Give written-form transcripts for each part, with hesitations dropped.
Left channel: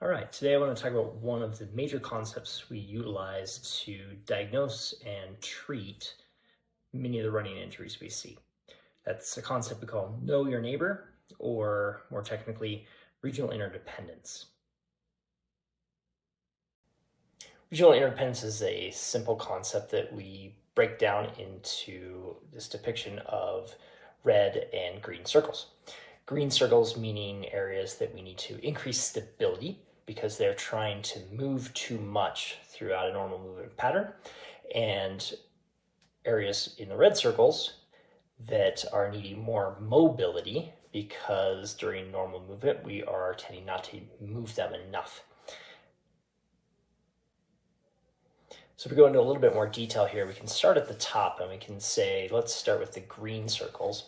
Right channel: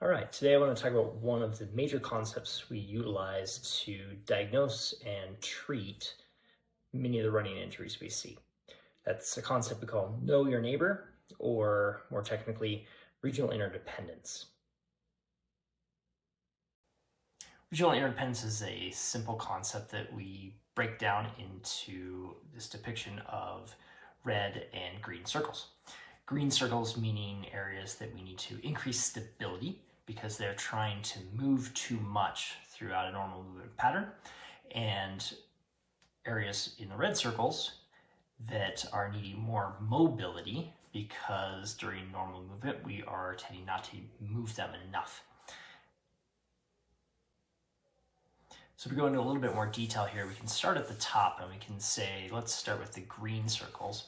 All right, today I want to talk about one of the major concepts we utilize to diagnose and treat many of the running injuries we see. That's a concept we call know your neighbor, or more technically, regional interdependence. Regional interdependence is a simple concept that we break down into this depiction of red and green circles. Green circles meaning areas that we need to increase stability because they're trying to move too much throughout a normal movement pattern, and areas in the red circles that are needing more mobility because during normal movement we are tending not to move them enough. So if we go into a little bit more detail here, we can start at the top and we can say, let's start with the green circles.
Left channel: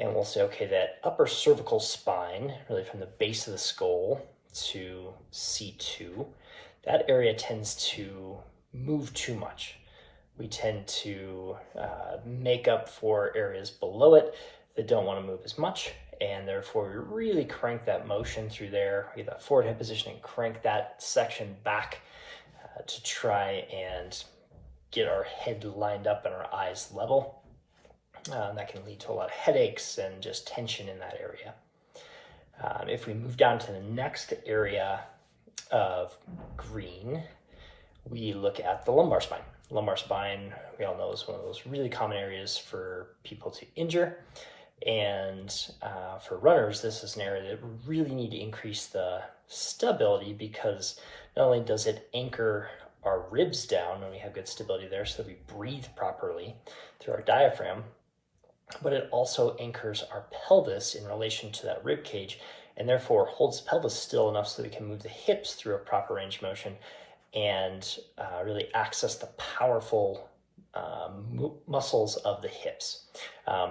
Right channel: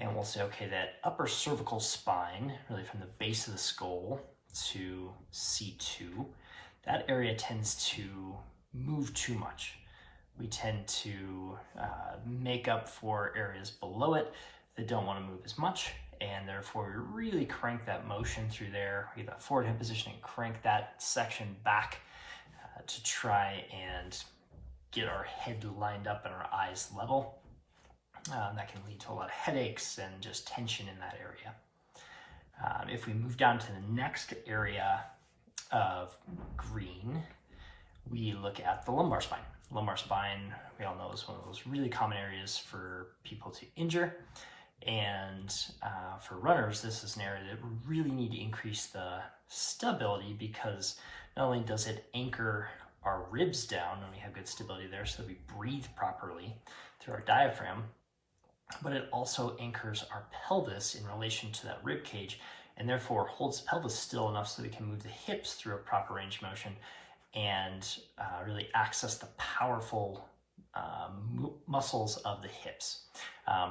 And we'll say, okay, that upper cervical spine, really from the base of the skull to C2, that area tends to move too much. We tend to make up for areas below it that don't want to move as much, and therefore we really crank that motion through there. We get that forward head position and crank that section back to try and get our head lined up and our eyes level. That can lead to a lot of headaches and just tension in that area. If we move down to the next area of green, we look at the lumbar spine. Lumbar spine, we all know, is one of those really common areas for people to injure. And for runners, this is an area that we really need to increase the stability, because not only does it anchor our ribs down when we have good stability there so that we breathe properly through our diaphragm, but it also anchors our pelvis in relation to that rib cage, and therefore holds the pelvis still enough so that we can move the hips through a proper range of motion and really access the powerful muscles of the hips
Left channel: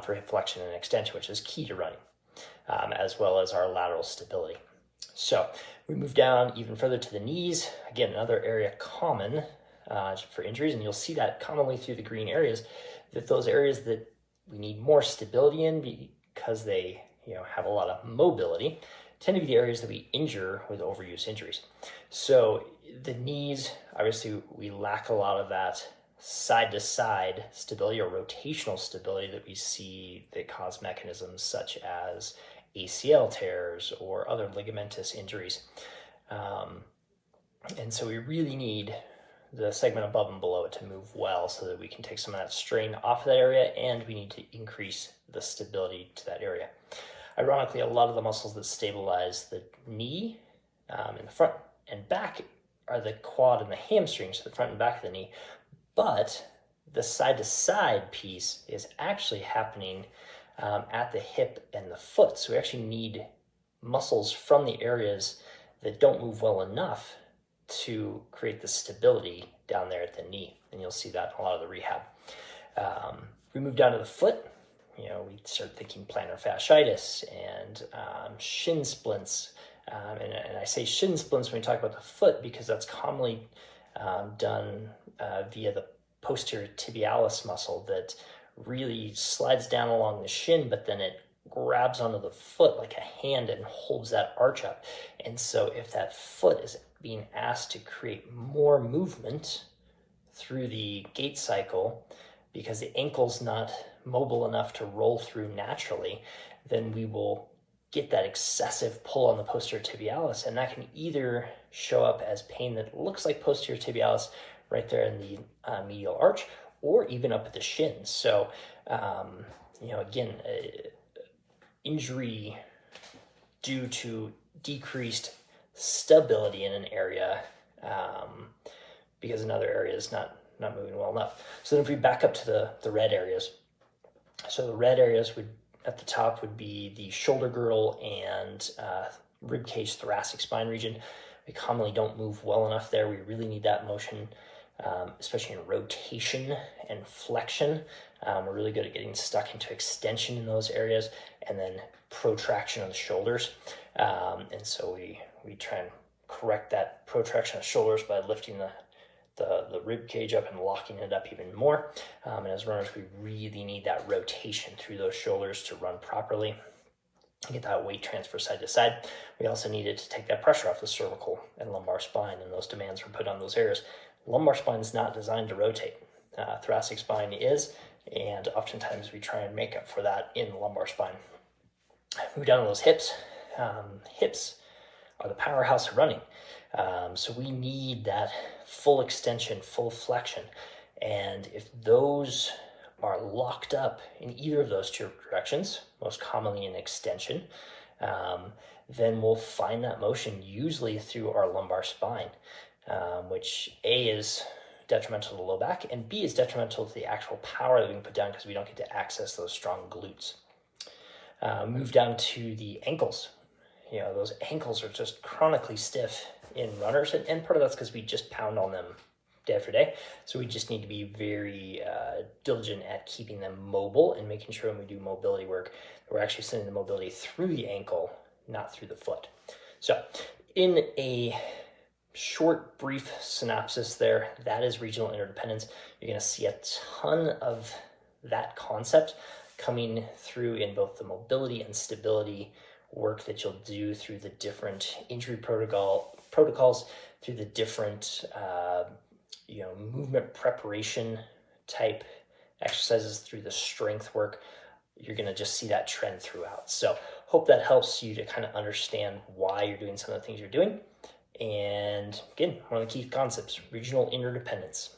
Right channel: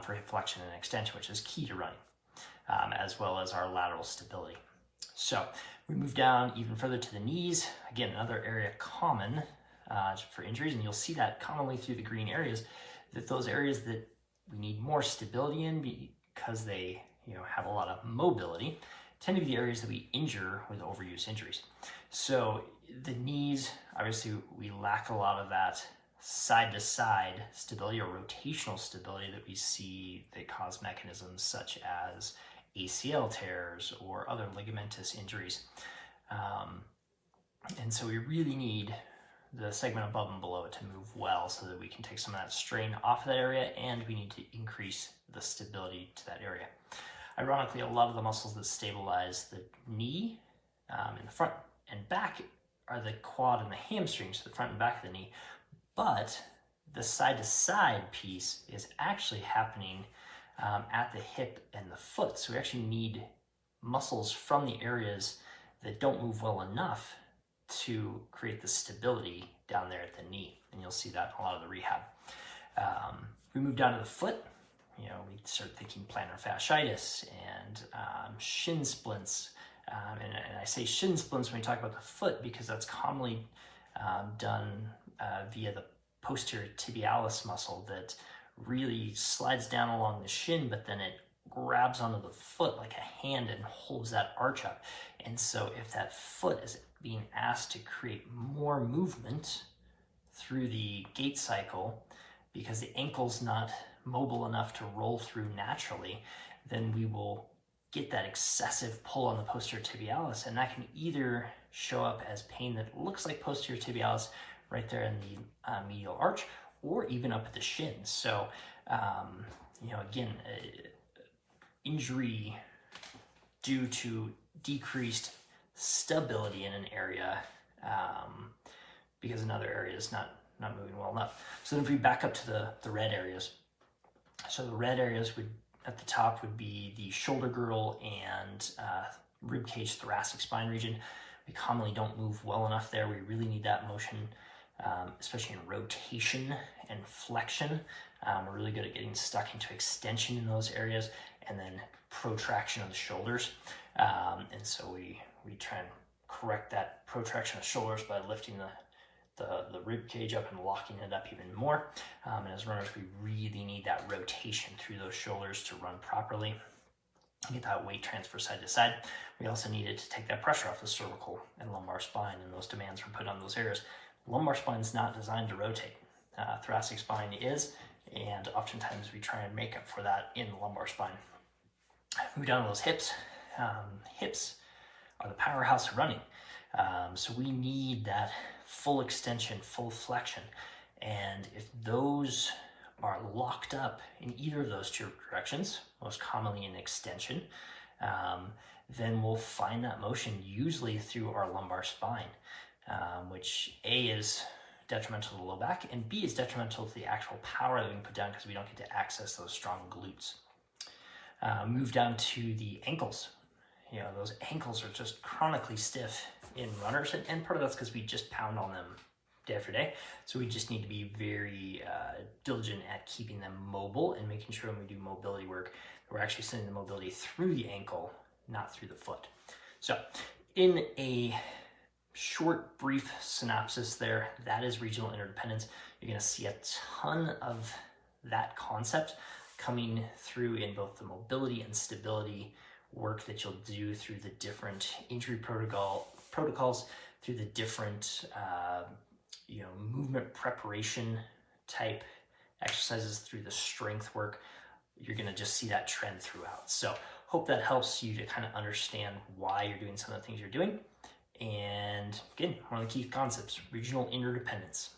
for hip flexion and extension, which is key to running, as well as our lateral stability. So we move down even further to the knees. Again, another area common for injuries, and you'll see that commonly through the green areas, that those areas that we need more stability in because they have a lot of mobility tend to be the areas that we injure with overuse injuries. So the knees, obviously we lack a lot of that side-to-side stability or rotational stability that we see that cause mechanisms such as ACL tears or other ligamentous injuries. And so we really need the segment above and below it to move well so that we can take some of that strain off of that area, and we need to increase the stability to that area. Ironically, a lot of the muscles that stabilize the knee in the front and back are the quad and the hamstring, so the front and back of the knee, but the side-to-side piece is actually happening at the hip and the foot. So we actually need muscles from the areas that don't move well enough to create the stability down there at the knee. And you'll see that in a lot of the rehab. We move down to the foot, we start thinking plantar fasciitis and shin splints. And I say shin splints when we talk about the foot because that's commonly done via the posterior tibialis muscle that really slides down along the shin, but then it grabs onto the foot like a hand and holds that arch up. And so if that foot is being asked to create more movement through the gait cycle because the ankle's not mobile enough to roll through naturally, then we will get that excessive pull on the posterior tibialis, and that can either show up as pain that looks like posterior tibialis right there in the medial arch, or even up at the shins. So, again, injury due to decreased stability in an area because another area is not moving well enough. So then if we back up to the red areas, so the red areas would at the top would be the shoulder girdle and rib cage thoracic spine region. We commonly don't move well enough there. We really need that motion, especially in rotation and flexion. We're really good at getting stuck into extension in those areas, and then protraction of the shoulders. And so we try and correct that protraction of shoulders by lifting the rib cage up and locking it up even more. And as runners, we really need that rotation through those shoulders to run properly. get that weight transfer side to side. We also needed to take that pressure off the cervical and lumbar spine, and those demands were put on those areas. Lumbar spine is not designed to rotate. Thoracic spine is, and oftentimes we try and make up for that in the lumbar spine. Move down to those hips. Hips are the powerhouse of running. So we need that full extension, full flexion. And if those are locked up in either of those two directions, most commonly in extension, then we'll find that motion usually through our lumbar spine, which A is detrimental to the low back, and B is detrimental to the actual power that we can put down because we don't get to access those strong glutes. Move down to the ankles. Those ankles are just chronically stiff in runners, and part of that's because we just pound on them day after day. So we just need to be very diligent at keeping them mobile and making sure when we do mobility work, we're actually sending the mobility through the ankle, not through the foot. So in a short, brief synopsis there, that is regional interdependence. You're going to see a ton of that concept coming through in both the mobility and stability work that you'll do through the different injury protocols, through the different movement preparation type exercises, through the strength work. You're going to just see that trend throughout. So hope that helps you to kind of understand why you're doing some of the things you're doing. And again, one of the key concepts, regional interdependence.